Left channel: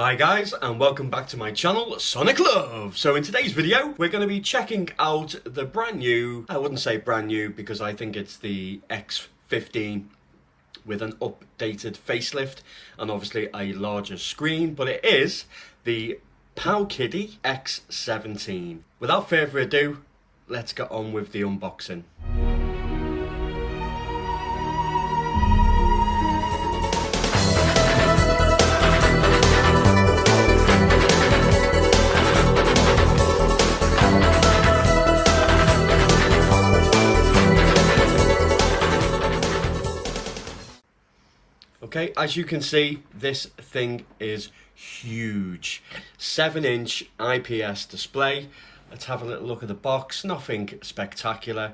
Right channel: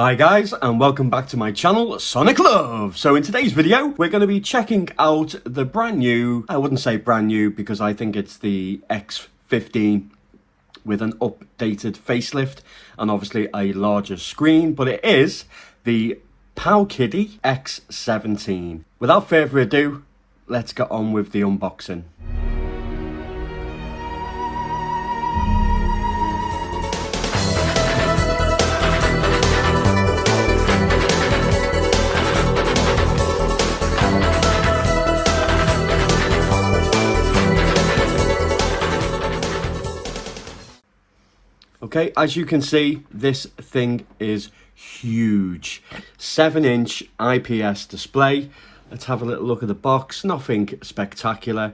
Hi guys, and welcome back to my channel, Sonic Love. So in today's video, we're going to be checking out the brand new, I wouldn't say brand new because I think it's the X15 with an updated facelift and obviously a larger screen, but it is the Powkiddy X17. Without further ado, let's get on with the unboxing. Okay, as you can see, this thing is huge. 7-inch IPS display. Let's have a little look at the box. Nothing spectacular.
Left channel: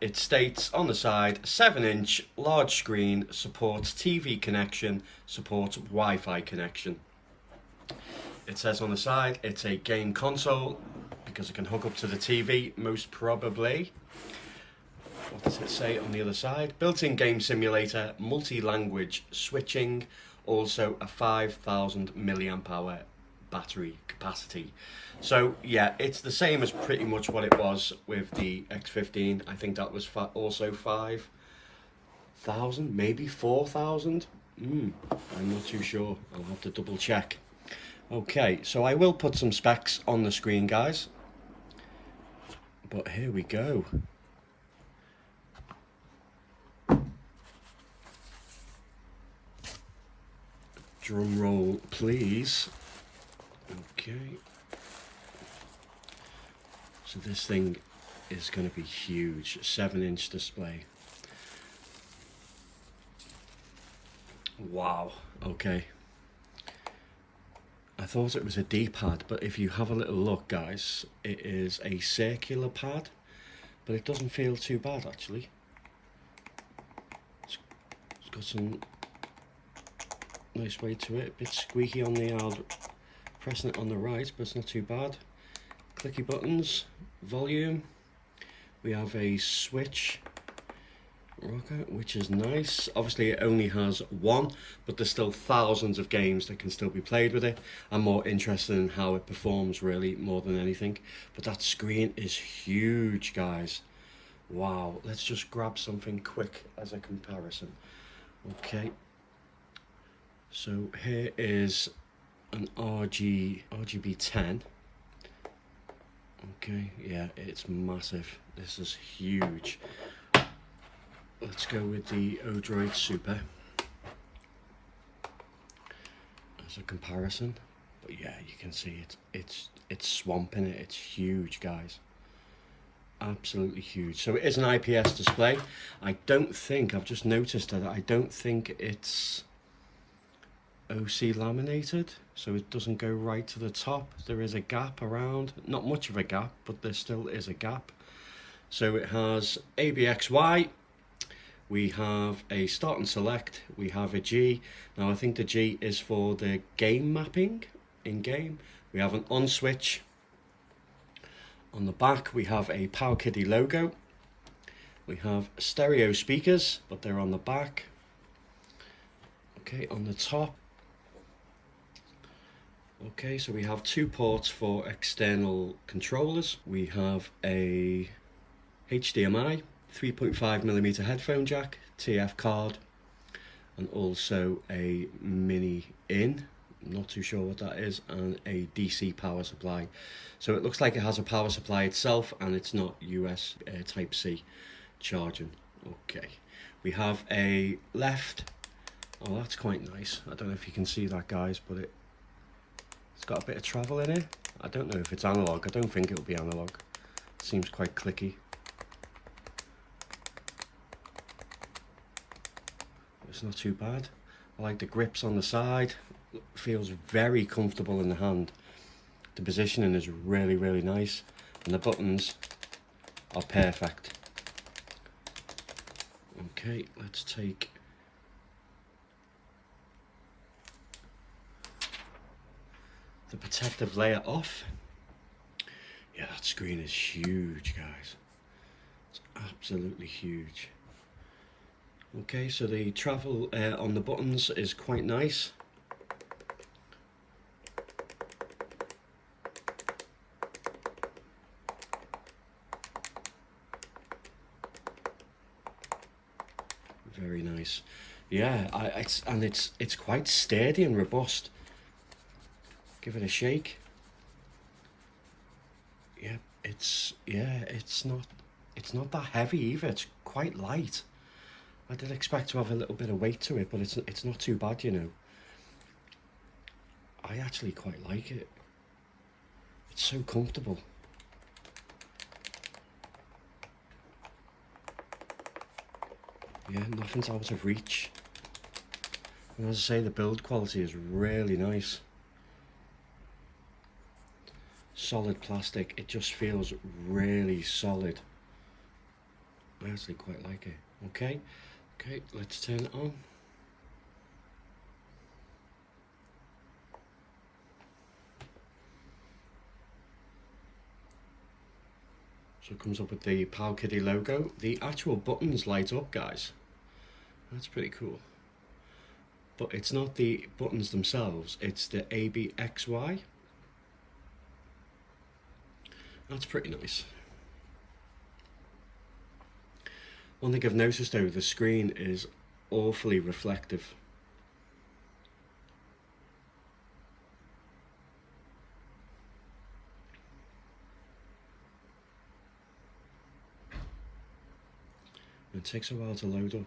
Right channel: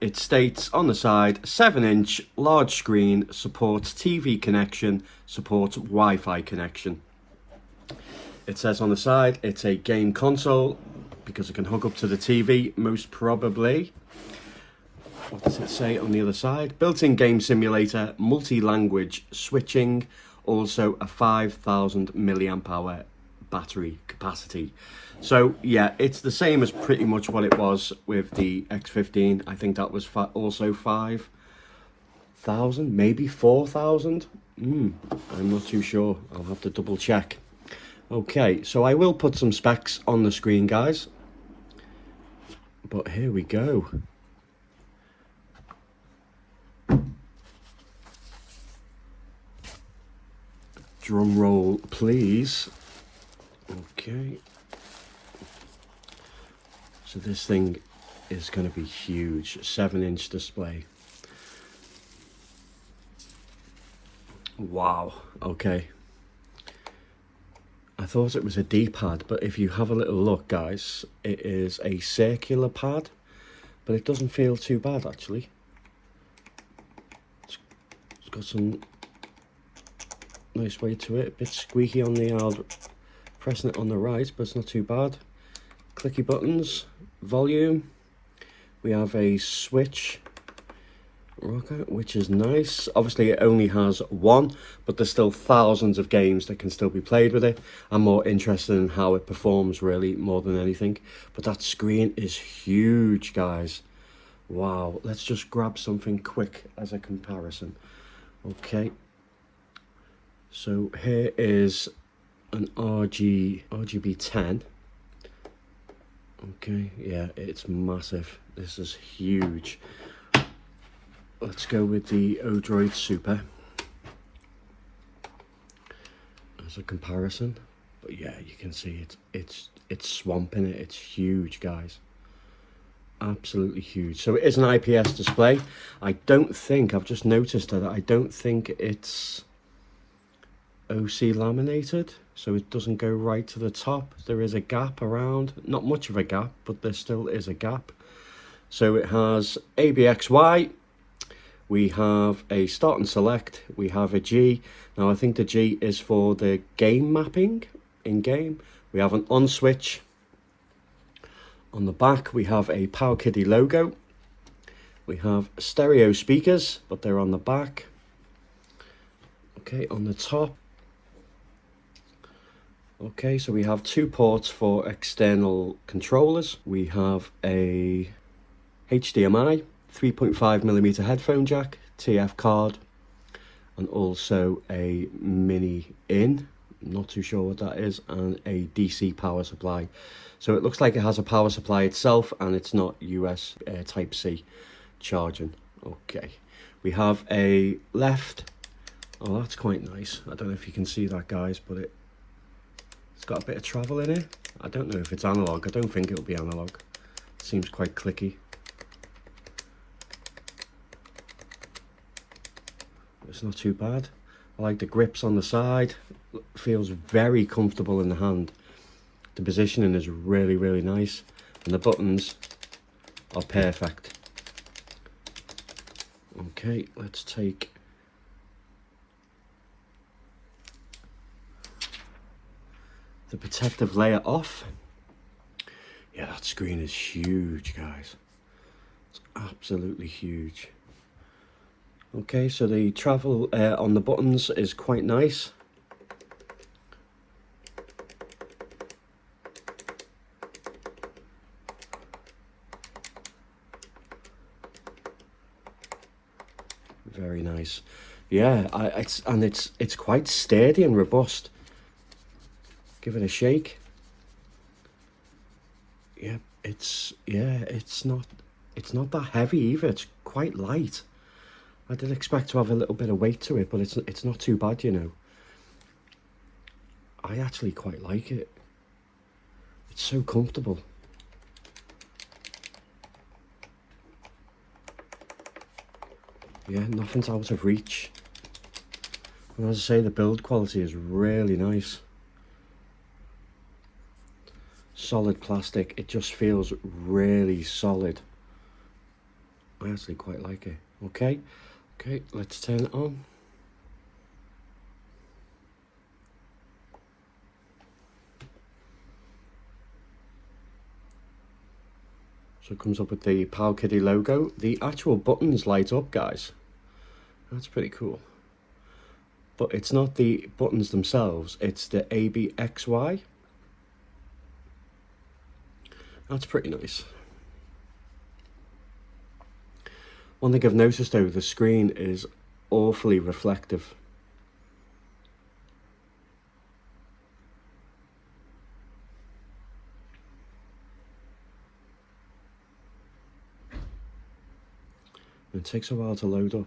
It states on the side, 7-inch large screen, supports TV connection, supports Wi-Fi connection. It says on the side, it's a game console because it can hook up to the TV, most probably. What does it say on the other side? Built-in game simulator, multi-language switching, also a 5,000 milliamp hour battery capacity. So yeah, it's the same as pretty much what it was with the X15. I think that was also 5,000, maybe 4,000. I'm not too sure. I'll have to double check. Okay, so I will put some specs on the screen, guys. But here we go. Drum roll, please. Okay. So this thing is going to be huge. 7-inch display. Wow. Okay. I thought it was a D-pad, but if you have a little look, guys, it is a circular pad, but it doesn't feel too bad, actually. It's got some nice way to it, a bit squeaky on the pressing it on the right, but it's not too bad. Clicky buttons, volume, we have a switch rocker, which is nice. Obviously it only has one, but there's still thousands of games that can still be played with it. I'm more interested in how it performs really more than anything, but that screen is huge, guys. Wow, let's just grab something quick as a comparison. Okay, so here is an RGB 10. Okay, yeah, it's massive. This is huge. Let's go with the Odroid Super as a comparison. But yeah, you can see it's swamping it. It's huge, guys. Absolutely huge. So it is an IPS display. I don't think, I've just noticed that I don't think it's OC laminated, so it doesn't go right to the top. There is a gap around, not much of a gap, but there still is a gap. So it has ABXY, we have a start and select, we have a G. Now I think the G is for the game mapping in game. We have an on switch. On the back we have a Powkiddy logo. We have stereo speakers, but they're on the back. Okay, on the top. Okay, so we have 2 ports for external controllers. We have a HDMI, 3.5mm headphone jack, TF card, and also a mini in, not too sure what that is, and a DC power supply. So it looks like it has a power supply itself, and it's not US Type-C charging. Okay, we have a left. Oh, that's quite nice. I don't know if you can see that, guys, but it's got a bit of travel in it. I don't know if it's analog. I don't think it'll be analog. It seems quite clicky. It's not too bad. I like the grips on the side. It feels very comfortable in the hand. The positioning is really, really nice. And the buttons are perfect. Okay, let's take the protective layer off. Yeah, that screen is huge, guys. It's absolutely huge. Okay, so the travel on the buttons is quite nice. very nice. Yeah, it's quite sturdy and robust. Give it a shake. Yeah, it's not that heavy either. It's quite light. I did expect to have a little bit of weight to it, but it's not too bad, you know. I actually quite like it. It's so comfortable. Yeah, nothing's out of reach. And as I say, the build quality is really nice. Solid plastic, it just feels really solid. I actually quite like it. Okay, let's turn it on. So it comes up with the Powkiddy logo. The actual buttons light up, guys. That's pretty cool. But it's not the buttons themselves, it's the ABXY. That's pretty nice. One thing I've noticed though, the screen is awfully reflective. It takes a while to load up.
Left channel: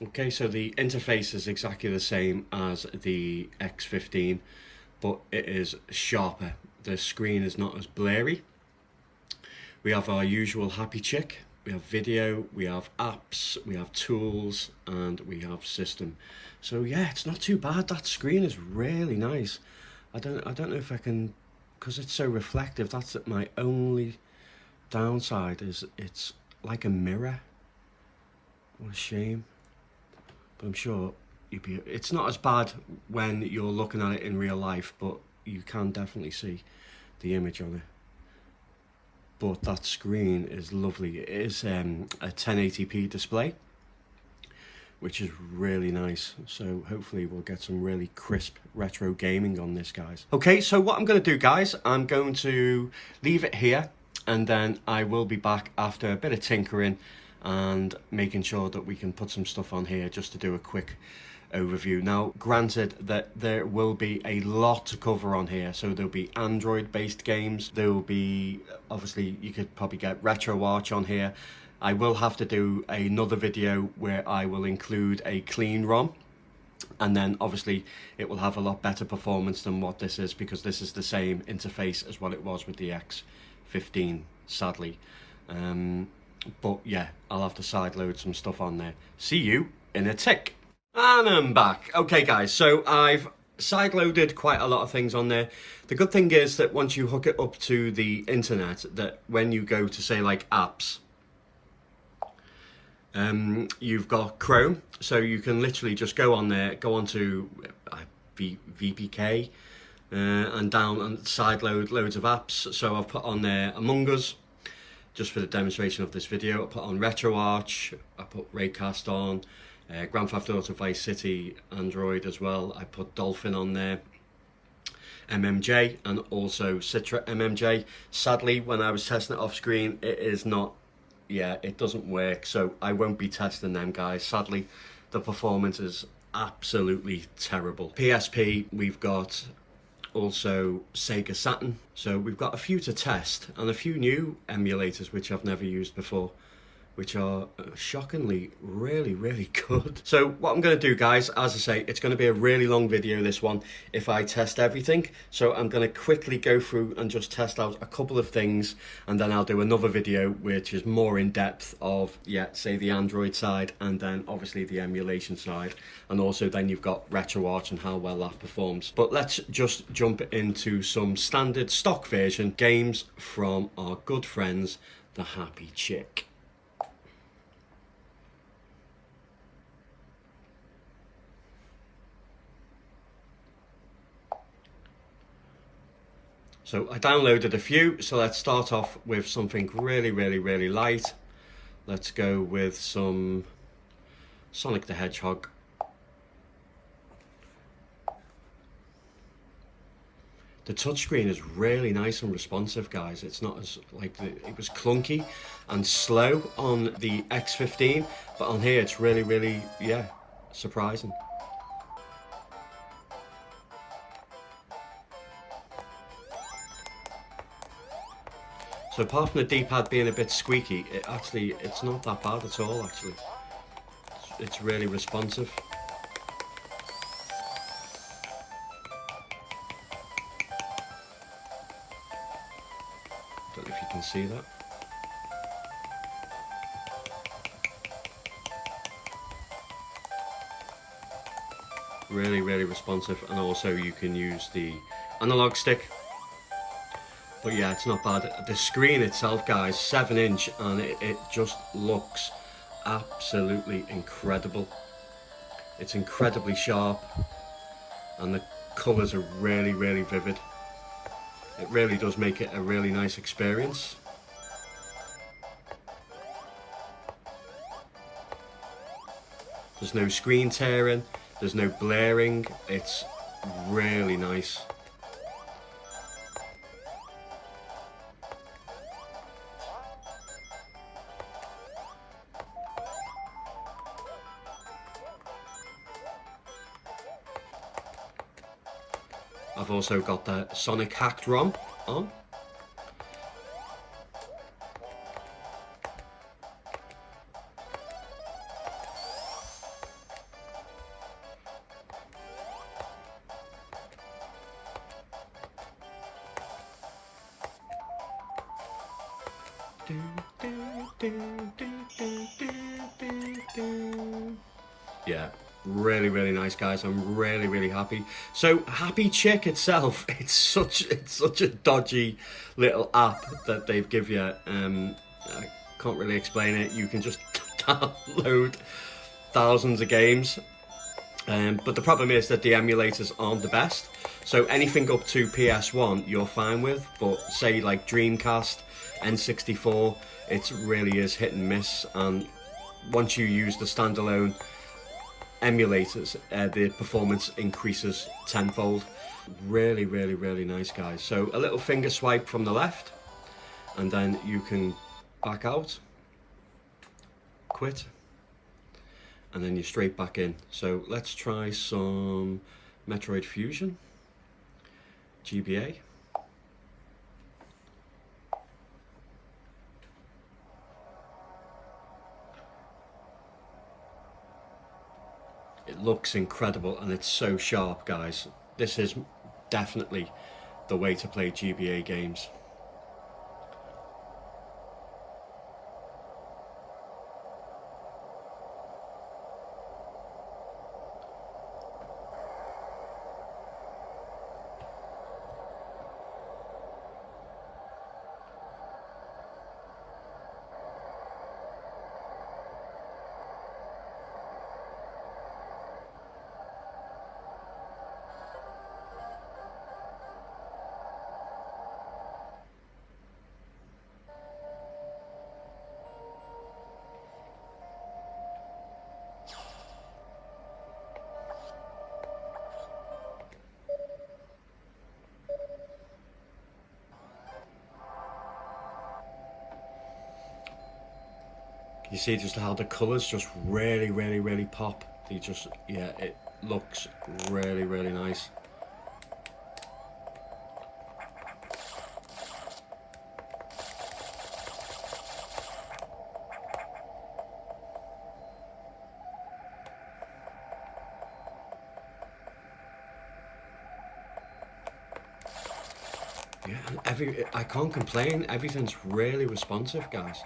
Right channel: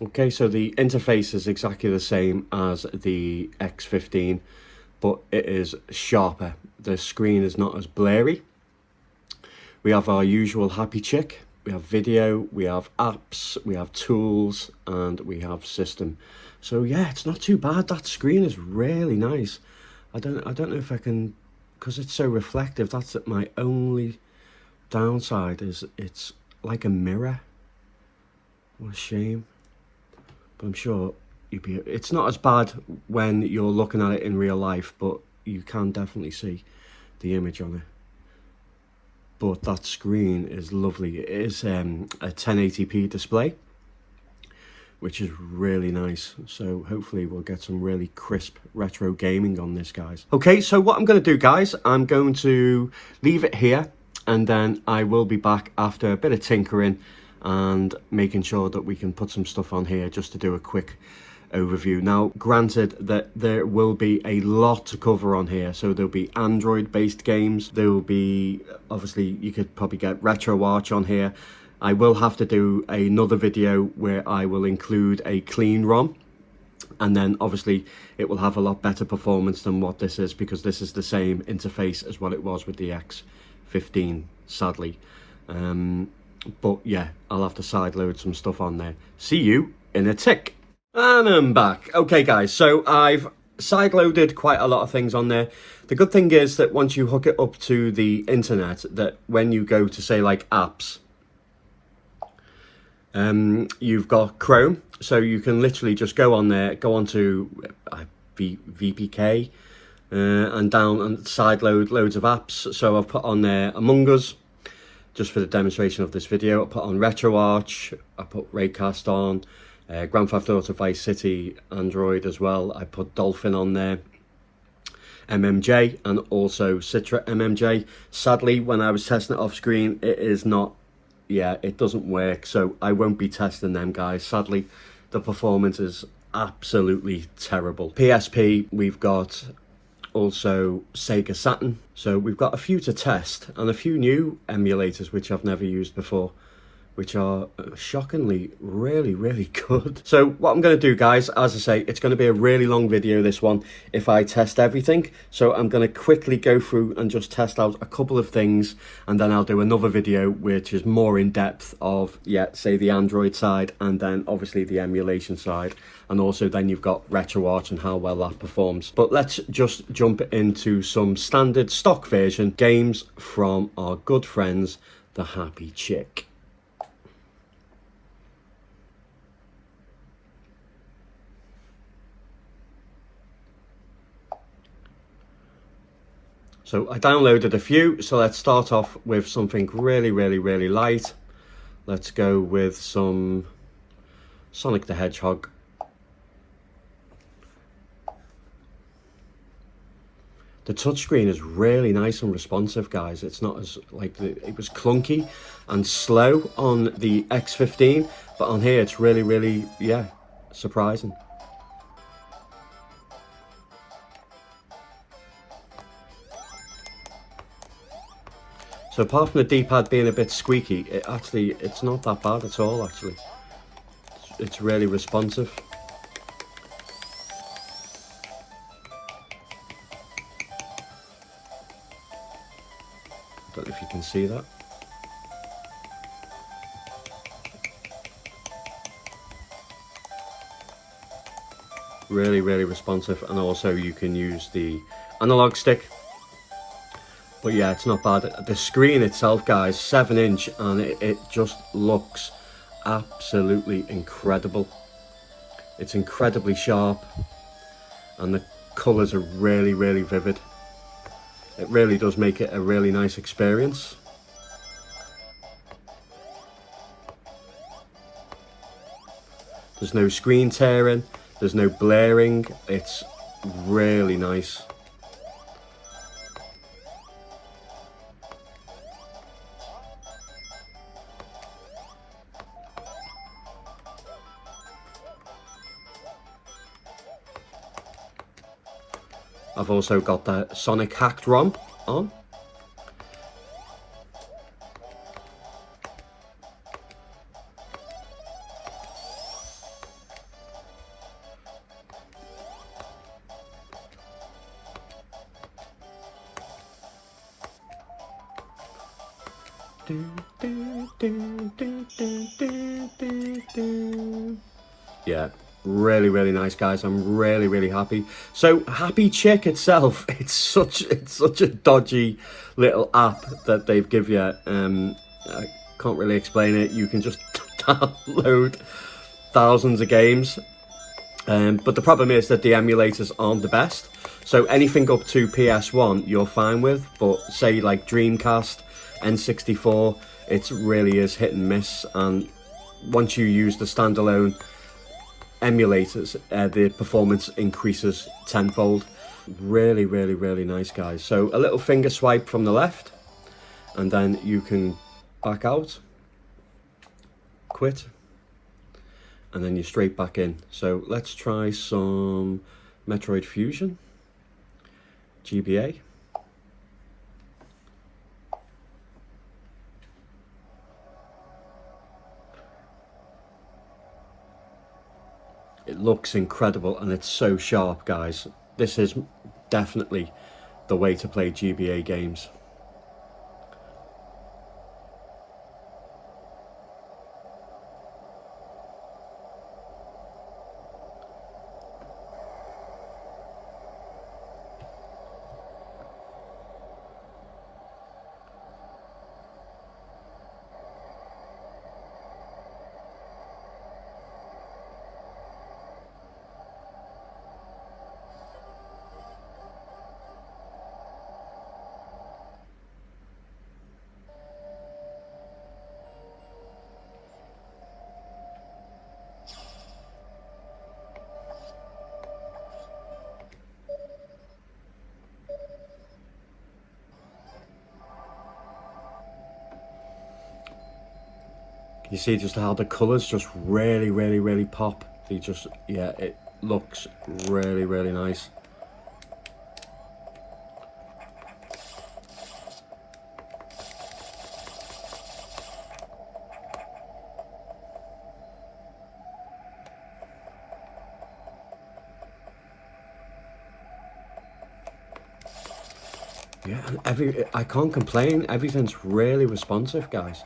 Okay, so the interface is exactly the same as the X15, but it is sharper. The screen is not as blurry. We have our usual happy chick. We have video, we have apps, we have tools, and we have system. So yeah, it's not too bad. That screen is really nice. I don't know if I can, because it's so reflective. That's my only downside, is it's like a mirror. What a shame. But I'm sure it's not as bad when you're looking at it in real life, but you can definitely see the image on it. But that screen is lovely. It is a 1080p display, which is really nice. So hopefully we'll get some really crisp retro gaming on this, guys. Okay, so what I'm going to do, guys, I'm going to leave it here, and then I will be back after a bit of tinkering and making sure that we can put some stuff on here just to do a quick overview. Now, granted that there will be a lot to cover on here, so there'll be Android based games, there will be, obviously you could probably get RetroArch on here. I will have to do another video where I will include a clean ROM, and then obviously it will have a lot better performance than what this is, because this is the same interface as what it was with the X15, sadly. But yeah, I'll have to sideload some stuff on there. See you in a tick. And I'm back. Okay guys, so I've sideloaded quite a lot of things on there. The good thing is that once you hook it up to the internet, that when you go to say like apps, you've got Chrome, so you can literally just go on there, go onto VPK, and down and sideload loads of apps. So I've put on there Among Us, just for the demonstration of this video. I put on RetroArch, I put Raycast on, Grand Theft Auto Vice City Android as well. I put Dolphin on there, MMJ, and also Citra MMJ. Sadly, when I was testing it off screen, it is not, yeah, it doesn't work, so I won't be testing them, guys. Sadly, the performance is absolutely terrible. PSP, we've got also Sega Saturn, so we've got a few to test, and a few new emulators which I've never used before, which are shockingly really good. So what I'm going to do, guys, as I say, it's going to be a really long video, this one, if I test everything. So I'm going to quickly go through and just test out a couple of things, and then I'll do another video which is more in depth of, yeah, say the Android side, and then obviously the emulation side, and also then you've got RetroArch and how well that performs. But let's just jump into some standard stock version games from our good friends, the Happy Chick. So I downloaded a few, so let's start off with something really light. Let's go with some Sonic the Hedgehog. The touchscreen is really nice and responsive, guys. It's not as like it was clunky and slow on the X15, but on here it's really, yeah, surprising. So apart from the D-pad being a bit squeaky, it's not that bad at all, actually. It's really responsive. Don't know if you can see that. Really responsive, and also you can use the analog stick. But yeah, it's not bad. The screen itself, guys, 7-inch, and it just looks absolutely incredible. It's incredibly sharp, and the colours are really vivid. It really does make it a really nice experience. There's no screen tearing, there's no blaring, it's really nice. I've also got the Sonic hacked ROM on. Yeah, really nice, guys. I'm really happy. So Happy Chick itself, it's such a dodgy little app that they've give you. I can't really explain it. You can just download thousands of games, but the problem is that the emulators aren't the best. So anything up to PS1 you're fine with, but say like Dreamcast, N64, it really is hit and miss. And once you use the standalone emulators, the performance increases tenfold. Really nice, guys. So a little finger swipe from the left, and then you can back out, quit, and then you're straight back in. So let's try some Metroid Fusion Gba. It looks incredible, and it's so sharp, guys. This is definitely the way to play GBA games. You see just how the colours just really pop. They just, yeah, it looks really nice. Yeah, and I can't complain. Everything's really responsive, guys.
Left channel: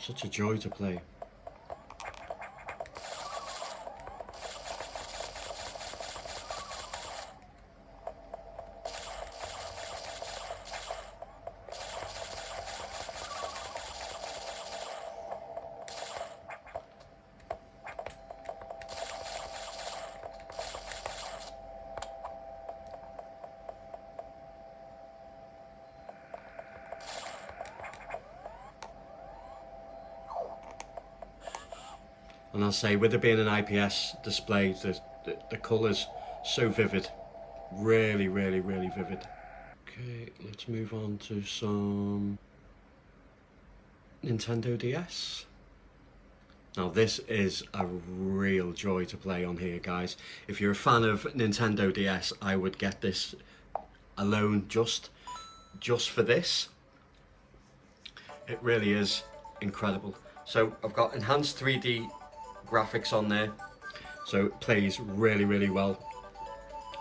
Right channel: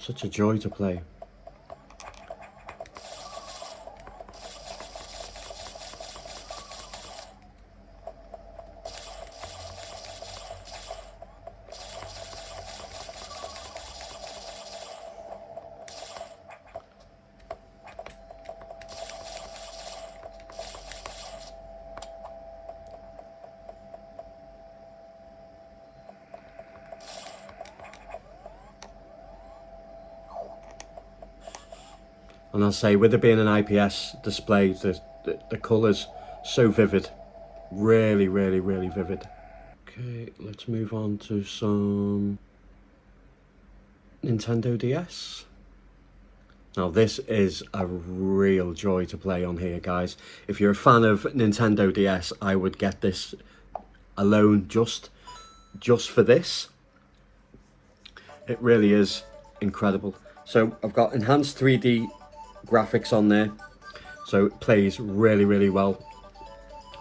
Such a joy to play. And I'll say, with it being an IPS display, the colours so vivid, really, really, really vivid. Okay, let's move on to some Nintendo DS. Now this is a real joy to play on here, guys. If you're a fan of Nintendo DS, I would get this alone just for this. It really is incredible. So I've got enhanced 3D graphics on there, so it plays really, really well.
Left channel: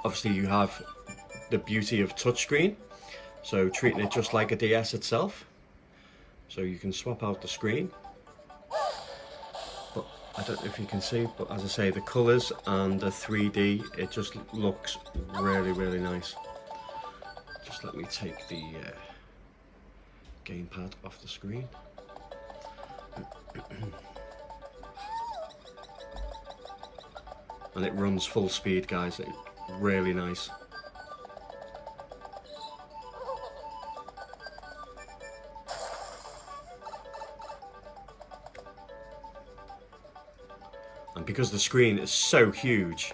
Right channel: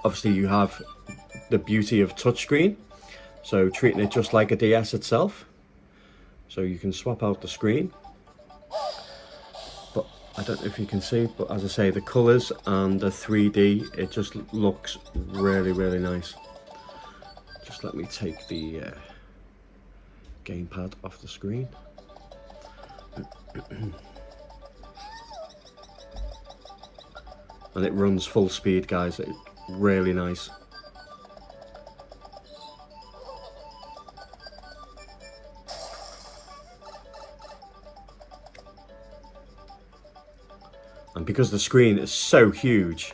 Obviously you have the beauty of touchscreen, so treating it just like a DS itself. So you can swap out the screen. But I don't know if you can see, but as I say, the colours and the 3D, it just looks really, really nice. Just let me take the gamepad off the screen. And it runs full speed, guys. It's really nice. And because the screen is so huge,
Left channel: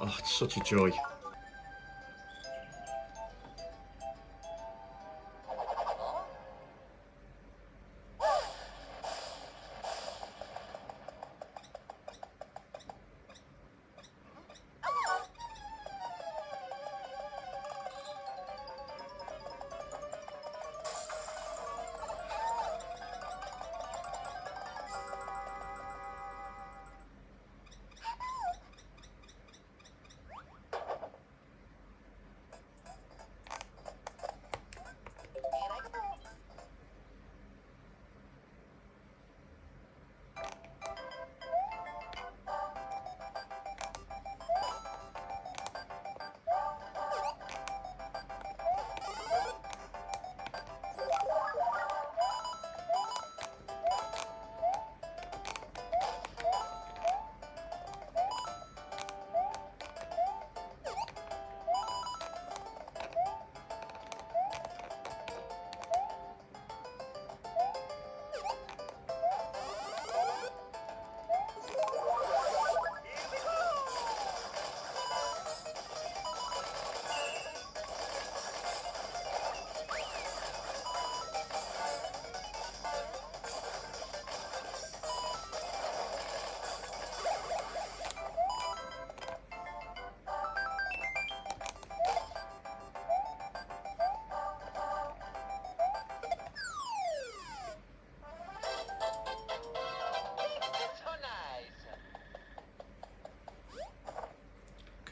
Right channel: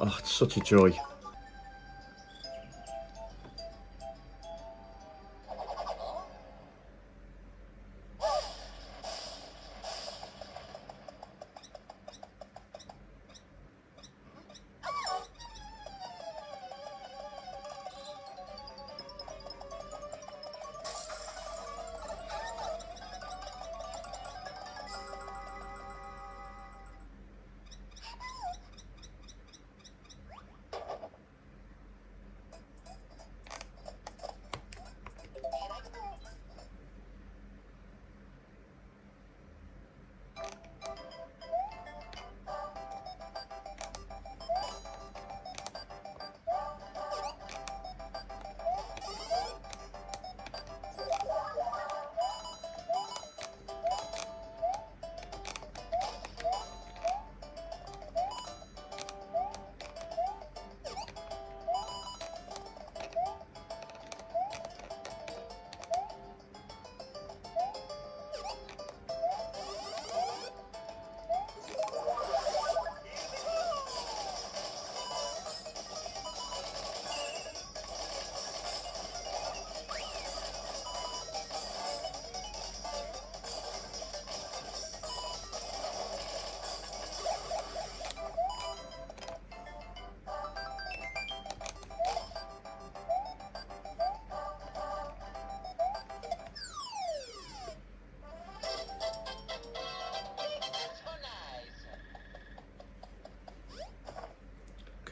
oh, it's such a joy.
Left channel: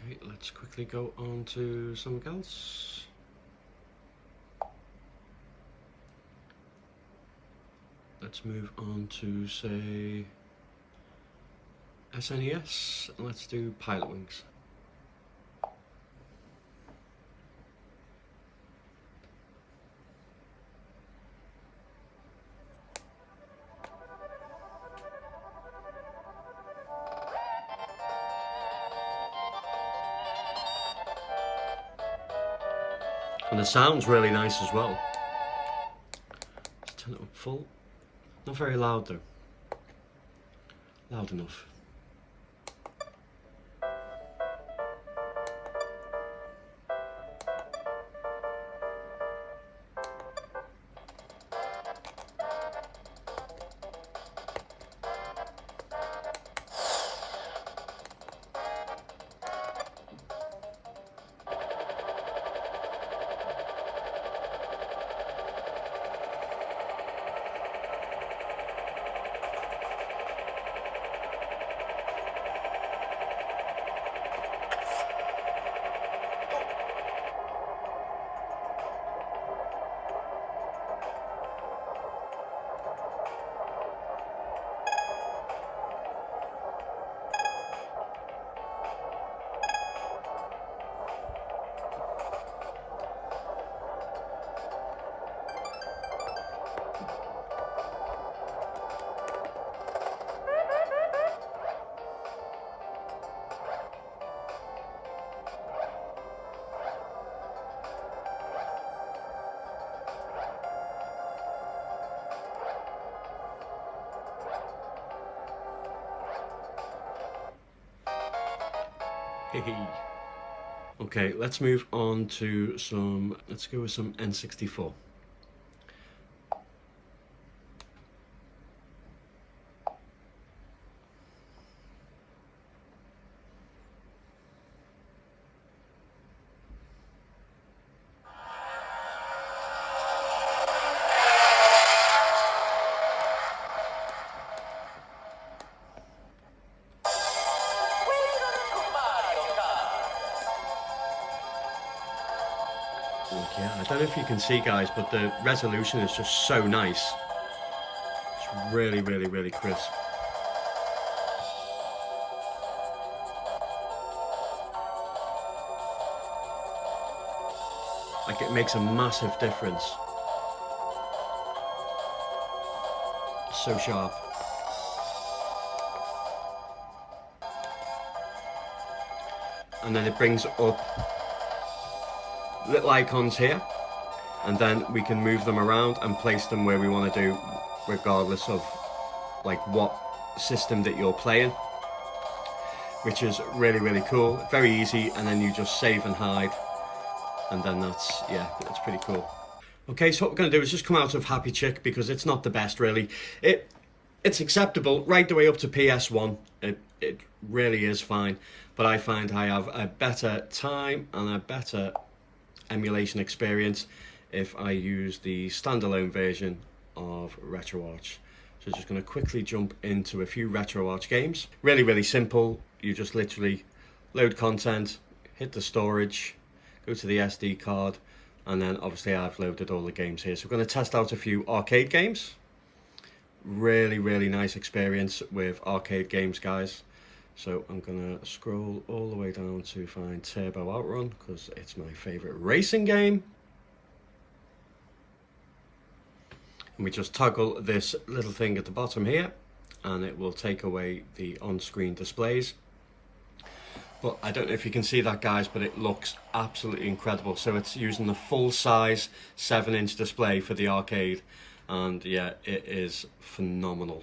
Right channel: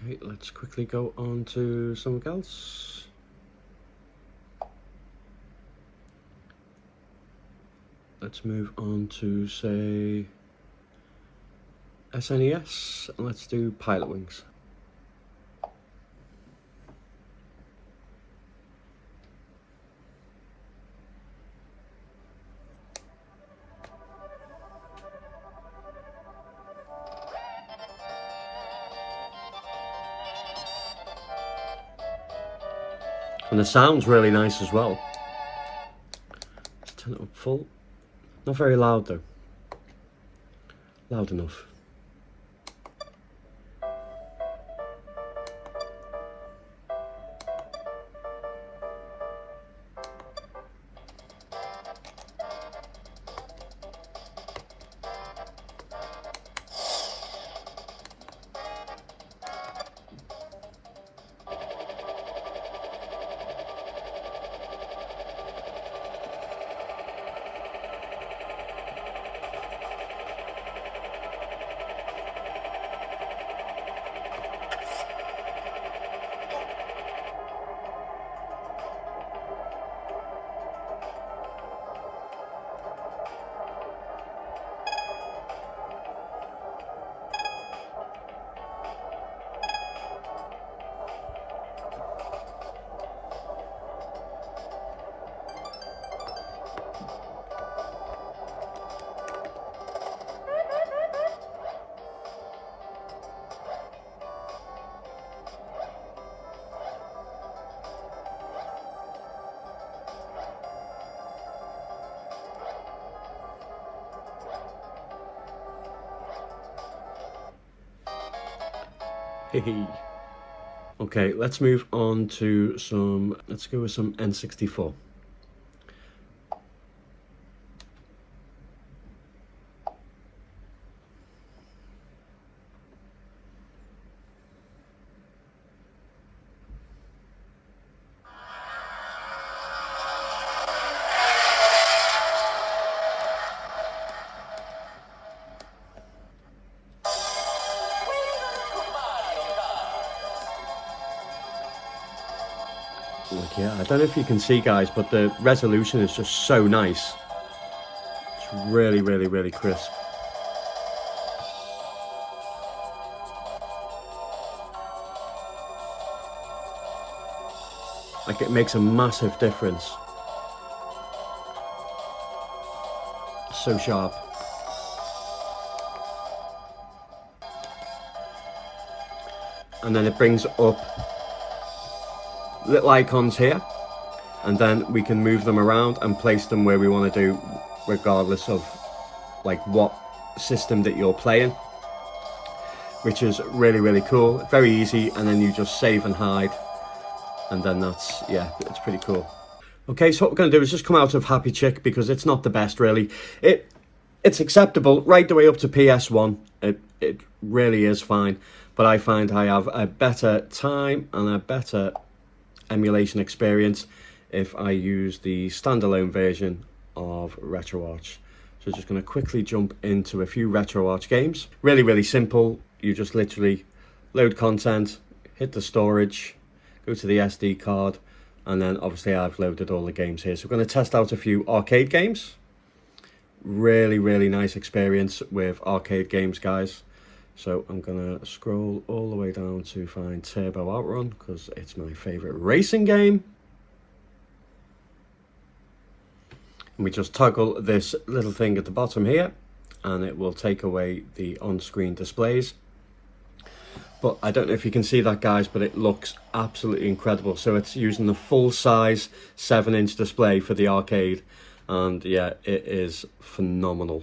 Okay, let's quickly go on to something else. Let's move on to, say, SNES, and let's do Pilot Wings. And the sound's really nice as well. Let's turn it up full. Not very loud though. Loud enough. Hey. Okay, let's move on to let's go with some N64. Like, yeah, I don't know if you can see, guys, but the resolution is just so nice. It's really, really, really crisp. Like, it makes a massive difference. So sharp. And then it brings up little icons here, and then we can move them around and place them where we want to do, regardless of like what system that you're playing, which is really, really cool. Very easy, and then you just save and hide, and then that's, yeah, it's pretty cool. Okay, so what we're going to do is just come out of Happy Chick, because it's not the best, really. It's acceptable right the way up to PS1. It really is fine, but I find I have a better time and a better emulation experience if I use the standalone version of RetroArch. So just going to quickly jump into a few RetroArch games. Really, really simple. You just literally load content, hit the storage, go to the SD card, and then obviously I've loaded all the games here. So we're going to test out a few arcade games. Really, really nice experience with arcade games, guys. So I'm going to scroll all the way down to find Turbo Outrun, because it's my favorite racing game. And we just toggle this little thing at the bottom here, and it will take away the on-screen displays. But I don't know if you can see that, guys, but it looks absolutely incredible. So it's using the full-size 7-inch display for the arcade, and yeah, it is phenomenal.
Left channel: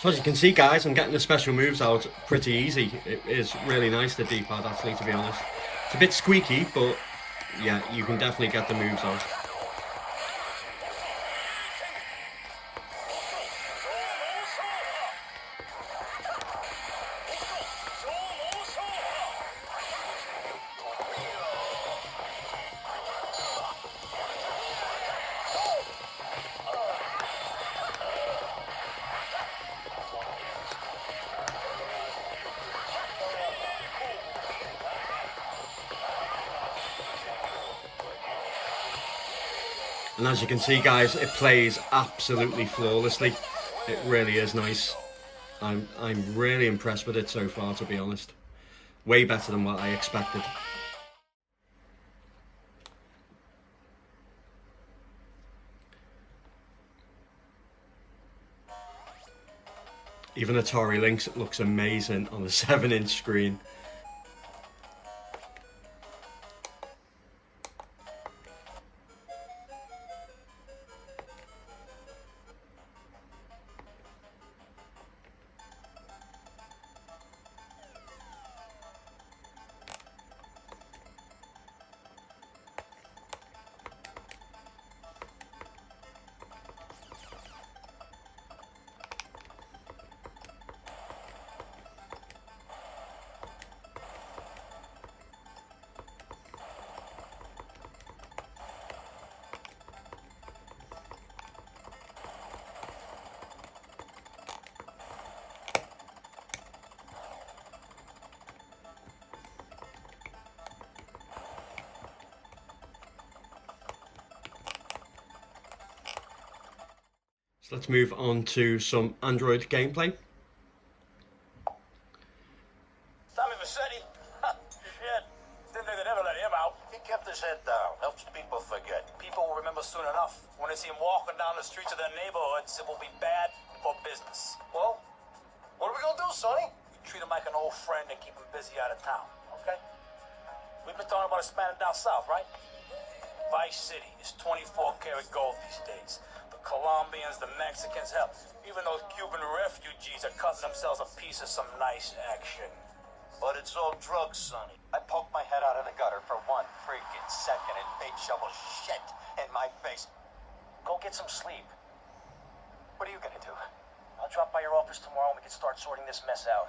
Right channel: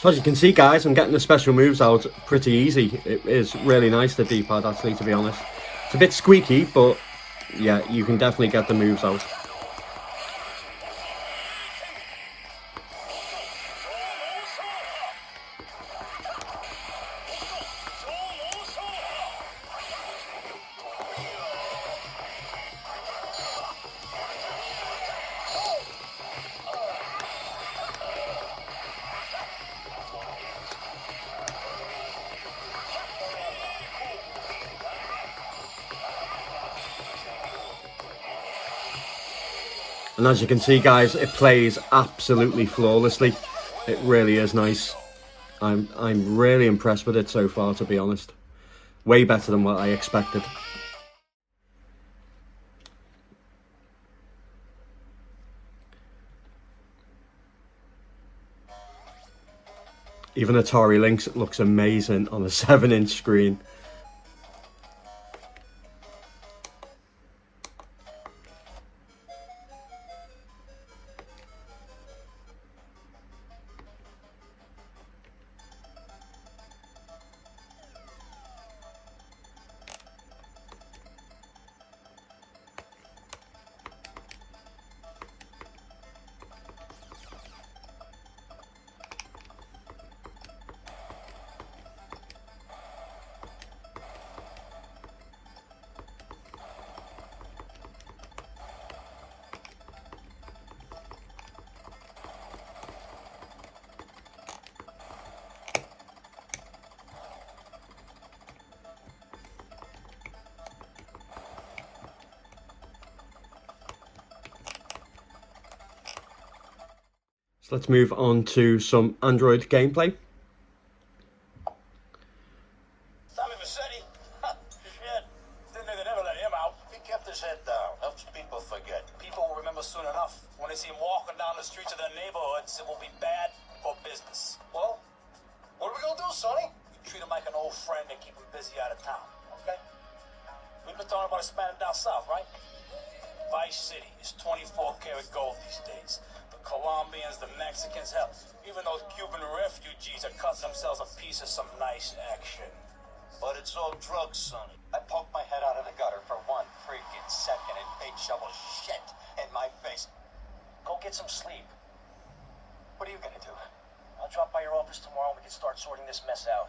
So as you can see, guys, I'm getting the special moves out pretty easy. It is really nice, the D-pad, actually, to be honest. It's a bit squeaky, but yeah, you can definitely get the moves out. And as you can see, guys, it plays absolutely flawlessly. It really is nice. I'm really impressed with it so far, to be honest. Way better than what I expected. Even Atari Lynx, it looks amazing on a 7-inch screen. So let's move on to some Android gameplay. His head down, helps people forget. People will remember soon enough. When they see him walking down the streets of their neighborhoods, it will be bad for business. Well, what are we gonna do, Sonny? We treat him like an old friend and keep him busy out of town, okay? We've been talking about expanding down south, right? Vice City is 24 karat gold these days. The Colombians, the Mexicans, hell, even those Cuban refugees are cutting themselves a piece of some nice action. But it's all drugs, Sonny. I poked my head out of the gutter for 1 freaking second and bait shovel shit in my face. Go get some sleep. What are you gonna do? I'll drop by your office tomorrow and we can start sorting this mess out.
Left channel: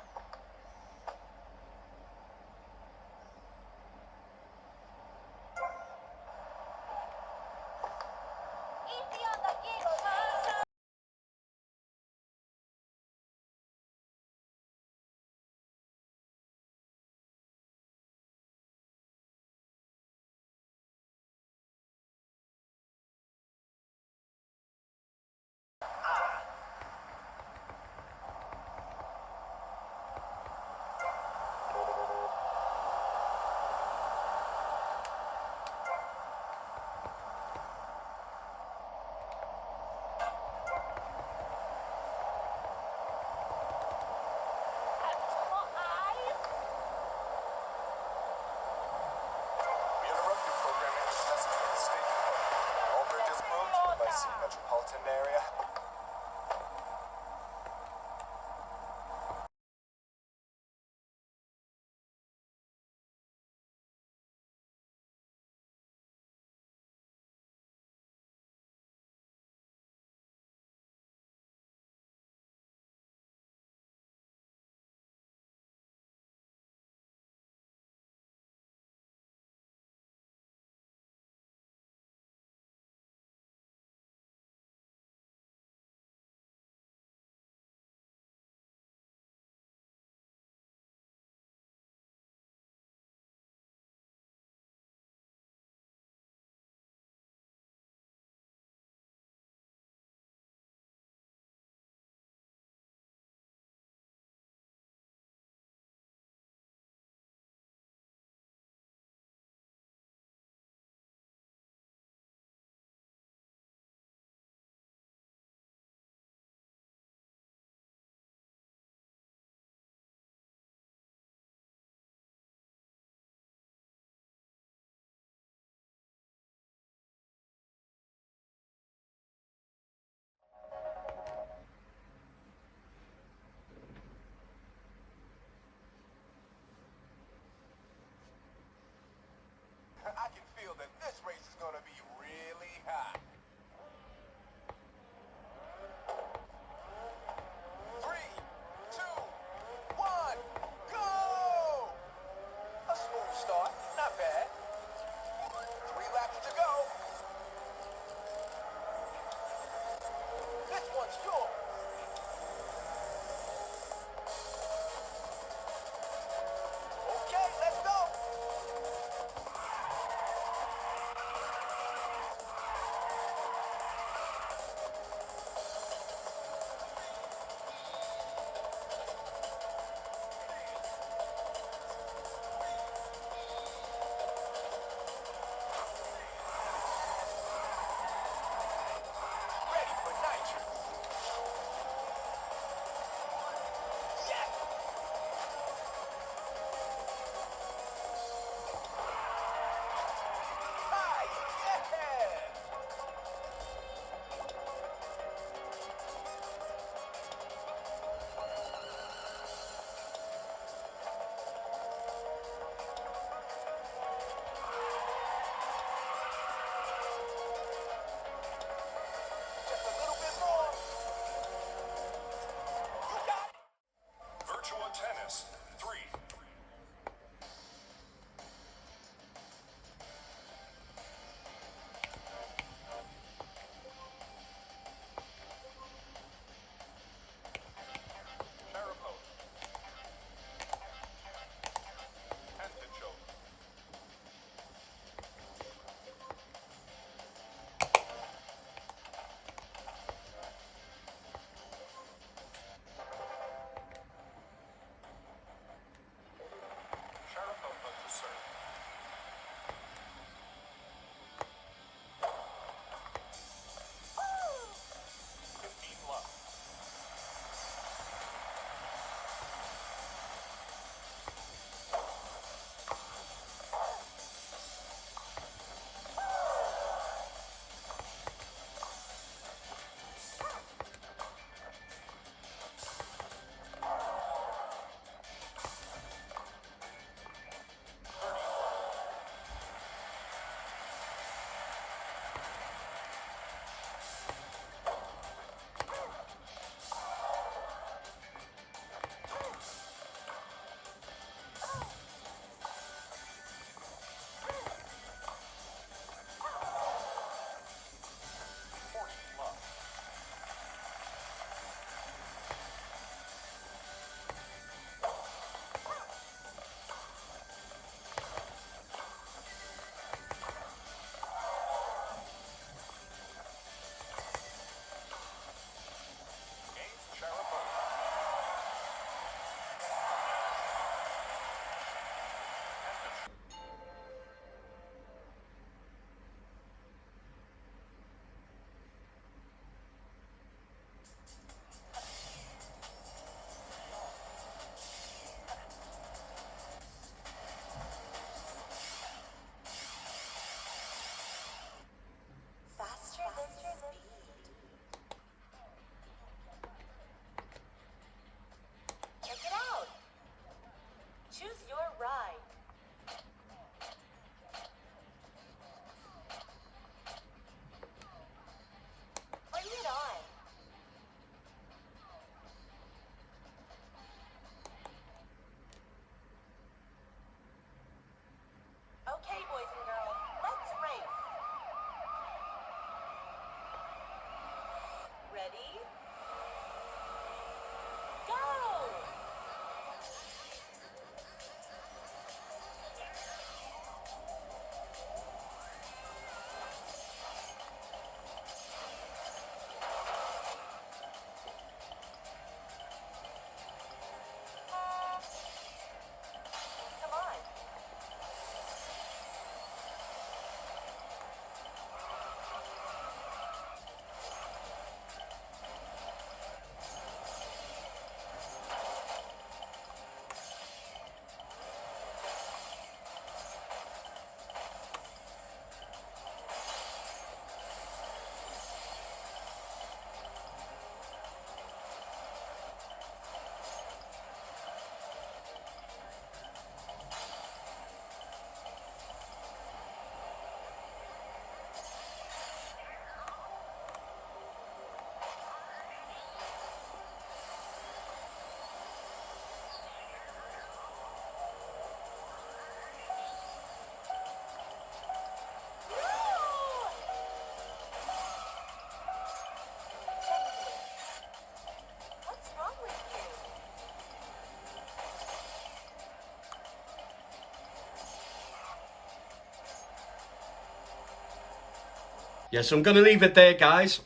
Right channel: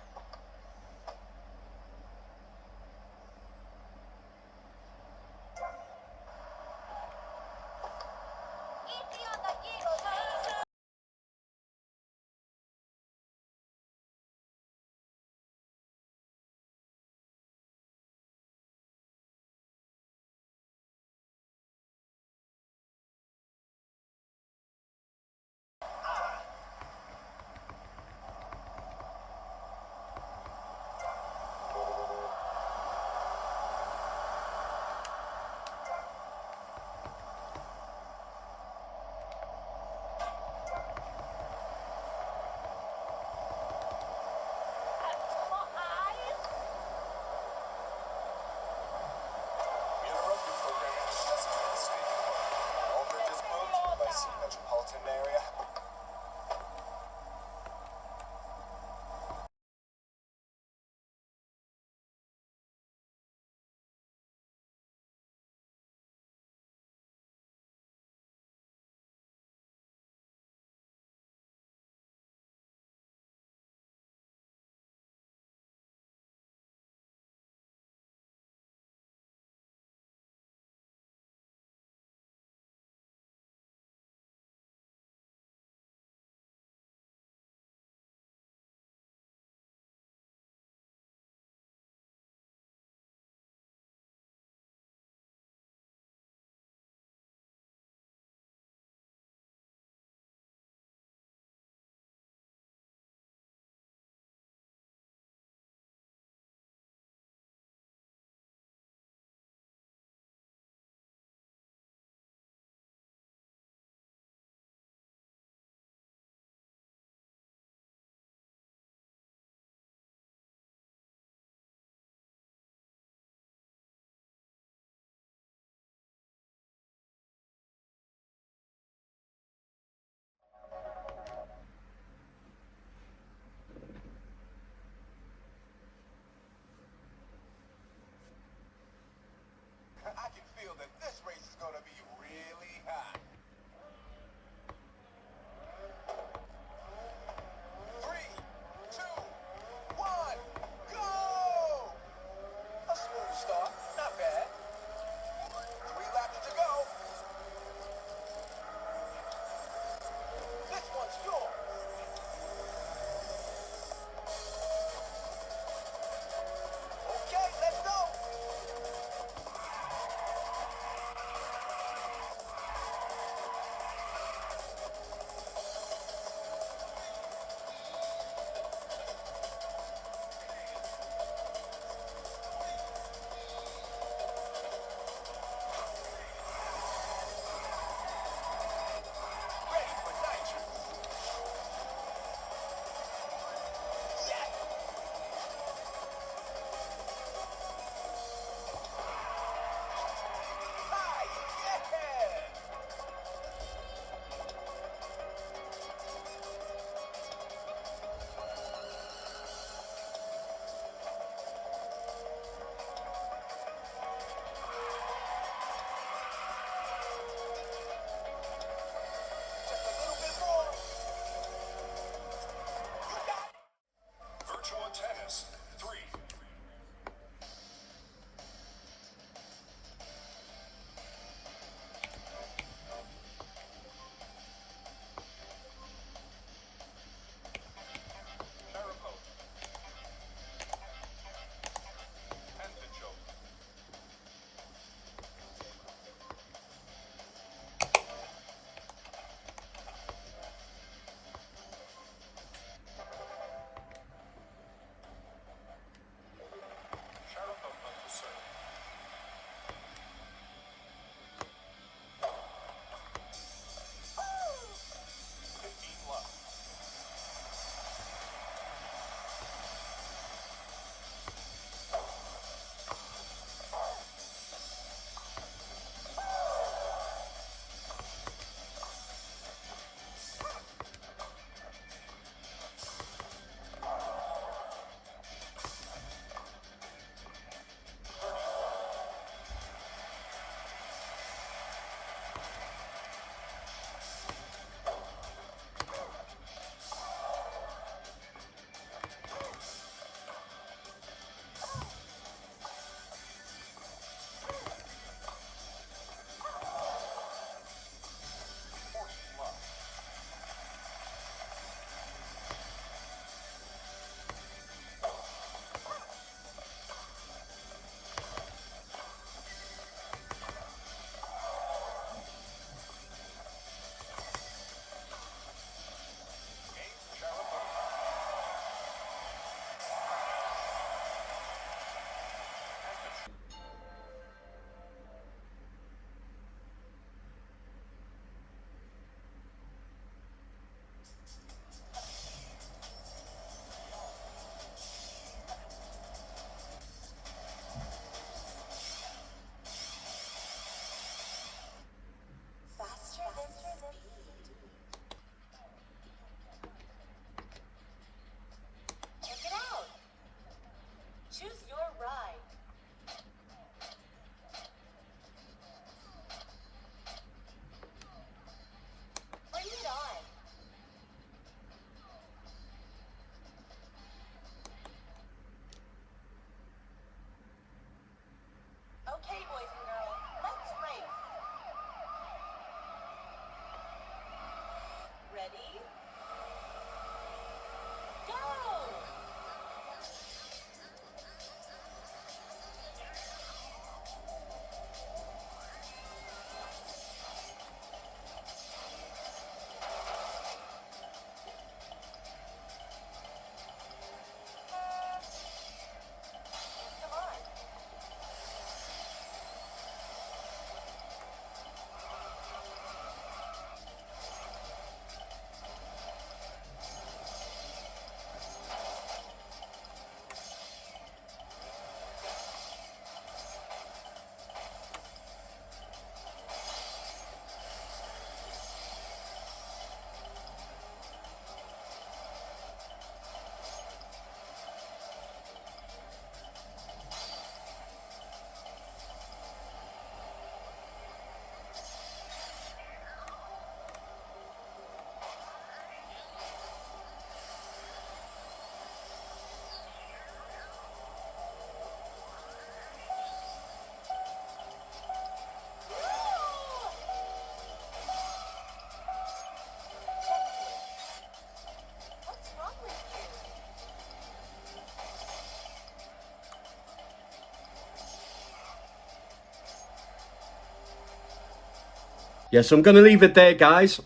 Yeah, so I'm going to leave it there, guys.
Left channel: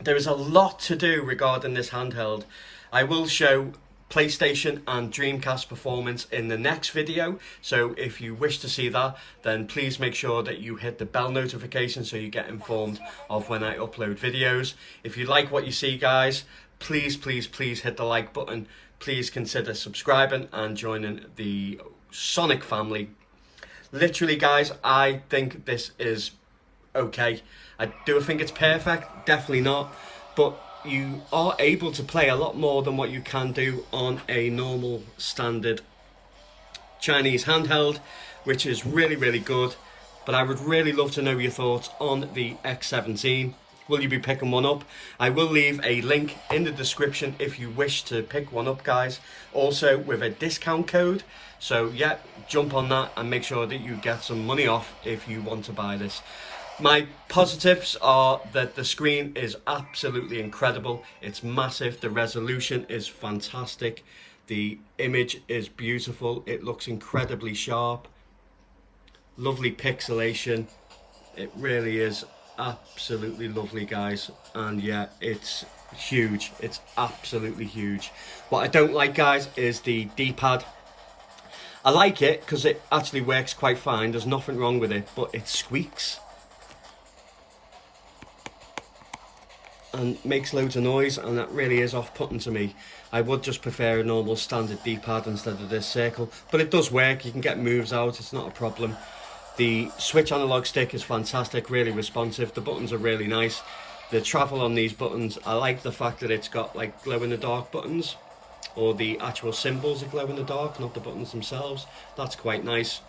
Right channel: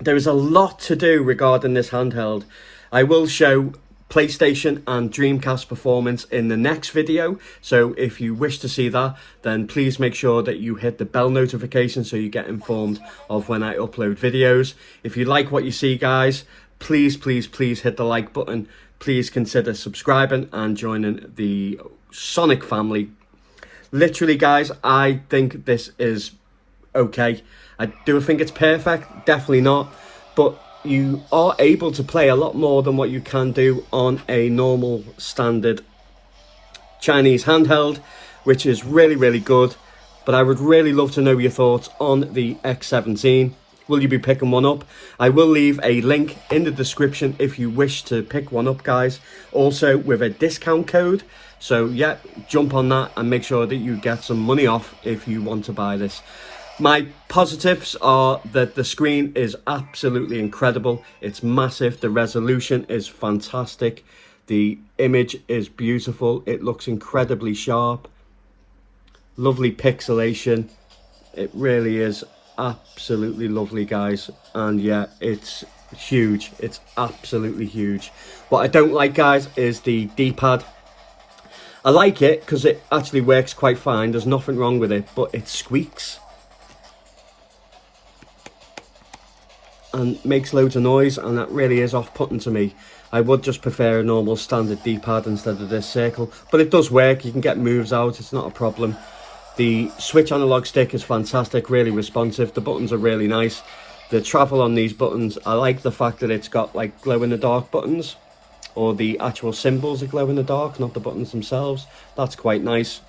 There's a lot to do regarding this handheld. I will show PlayStation and Dreamcast performance in the next video, so if you wish to see that, then please make sure that you hit the bell notification so you get informed of when I upload videos. If you like what you see, guys, please hit the like button. Please consider subscribing and joining the Sonic family. Literally, guys, I think this is okay. I do think it's perfect, definitely not, but you are able to play a lot more than what you can do on a normal standard Chinese handheld, which is really good. But I would really love to know your thoughts on the X17. Will you be picking one up? I will leave a link in the description if you wish to pick one up, guys, also with a discount code. So yeah, jump on that and make sure that you get some money off if you want to buy this. My positives are that the screen is absolutely incredible. It's massive. The resolution is fantastic. The image is beautiful. It looks incredibly sharp. Lovely pixelation. It really is absolutely lovely, guys. And yeah, it's huge. It's absolutely huge. What I don't like, guys, is the D-pad. I like it because it actually works quite fine. There's nothing wrong with it, but it squeaks and makes loads of noise, and that really is off-putting to me. I would just prefer a normal standard D-pad instead of this circle, but it does work. You can get moves out, it's not a problem. The Switch analog stick is fantastic, really responsive. The buttons are really nice. The travel on these buttons, I like the fact that it's got like glow-in-the-dark buttons, or the actual symbols that glow in the dark, not the buttons themselves. That's quite nice.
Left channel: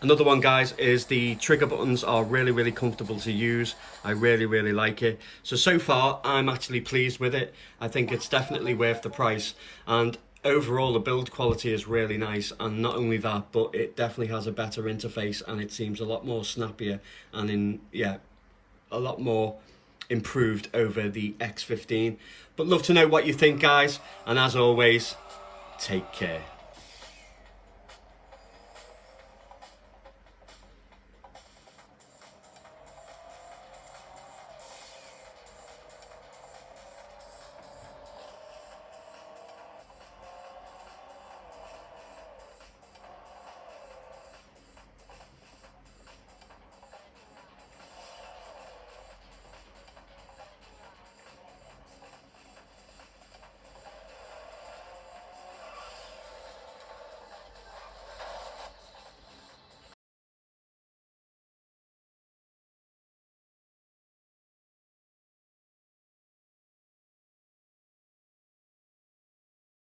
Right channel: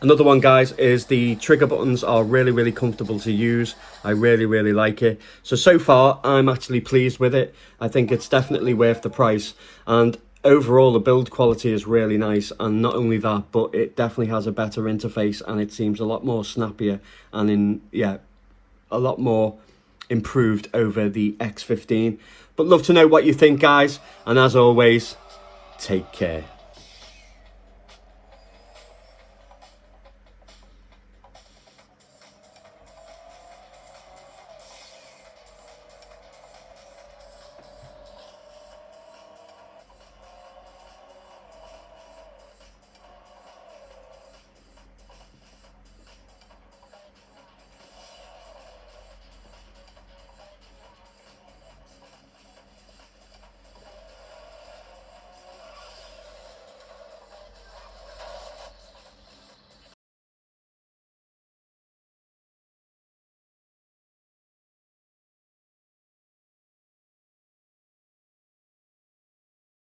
Another one, guys, is the trigger buttons are really comfortable to use. I really like it. So far, I'm actually pleased with it. I think it's definitely worth the price. And overall, the build quality is really nice. And not only that, but it definitely has a better interface, and it seems a lot more snappier and a lot more improved over the X15. But love to know what you think, guys. And as always, take care.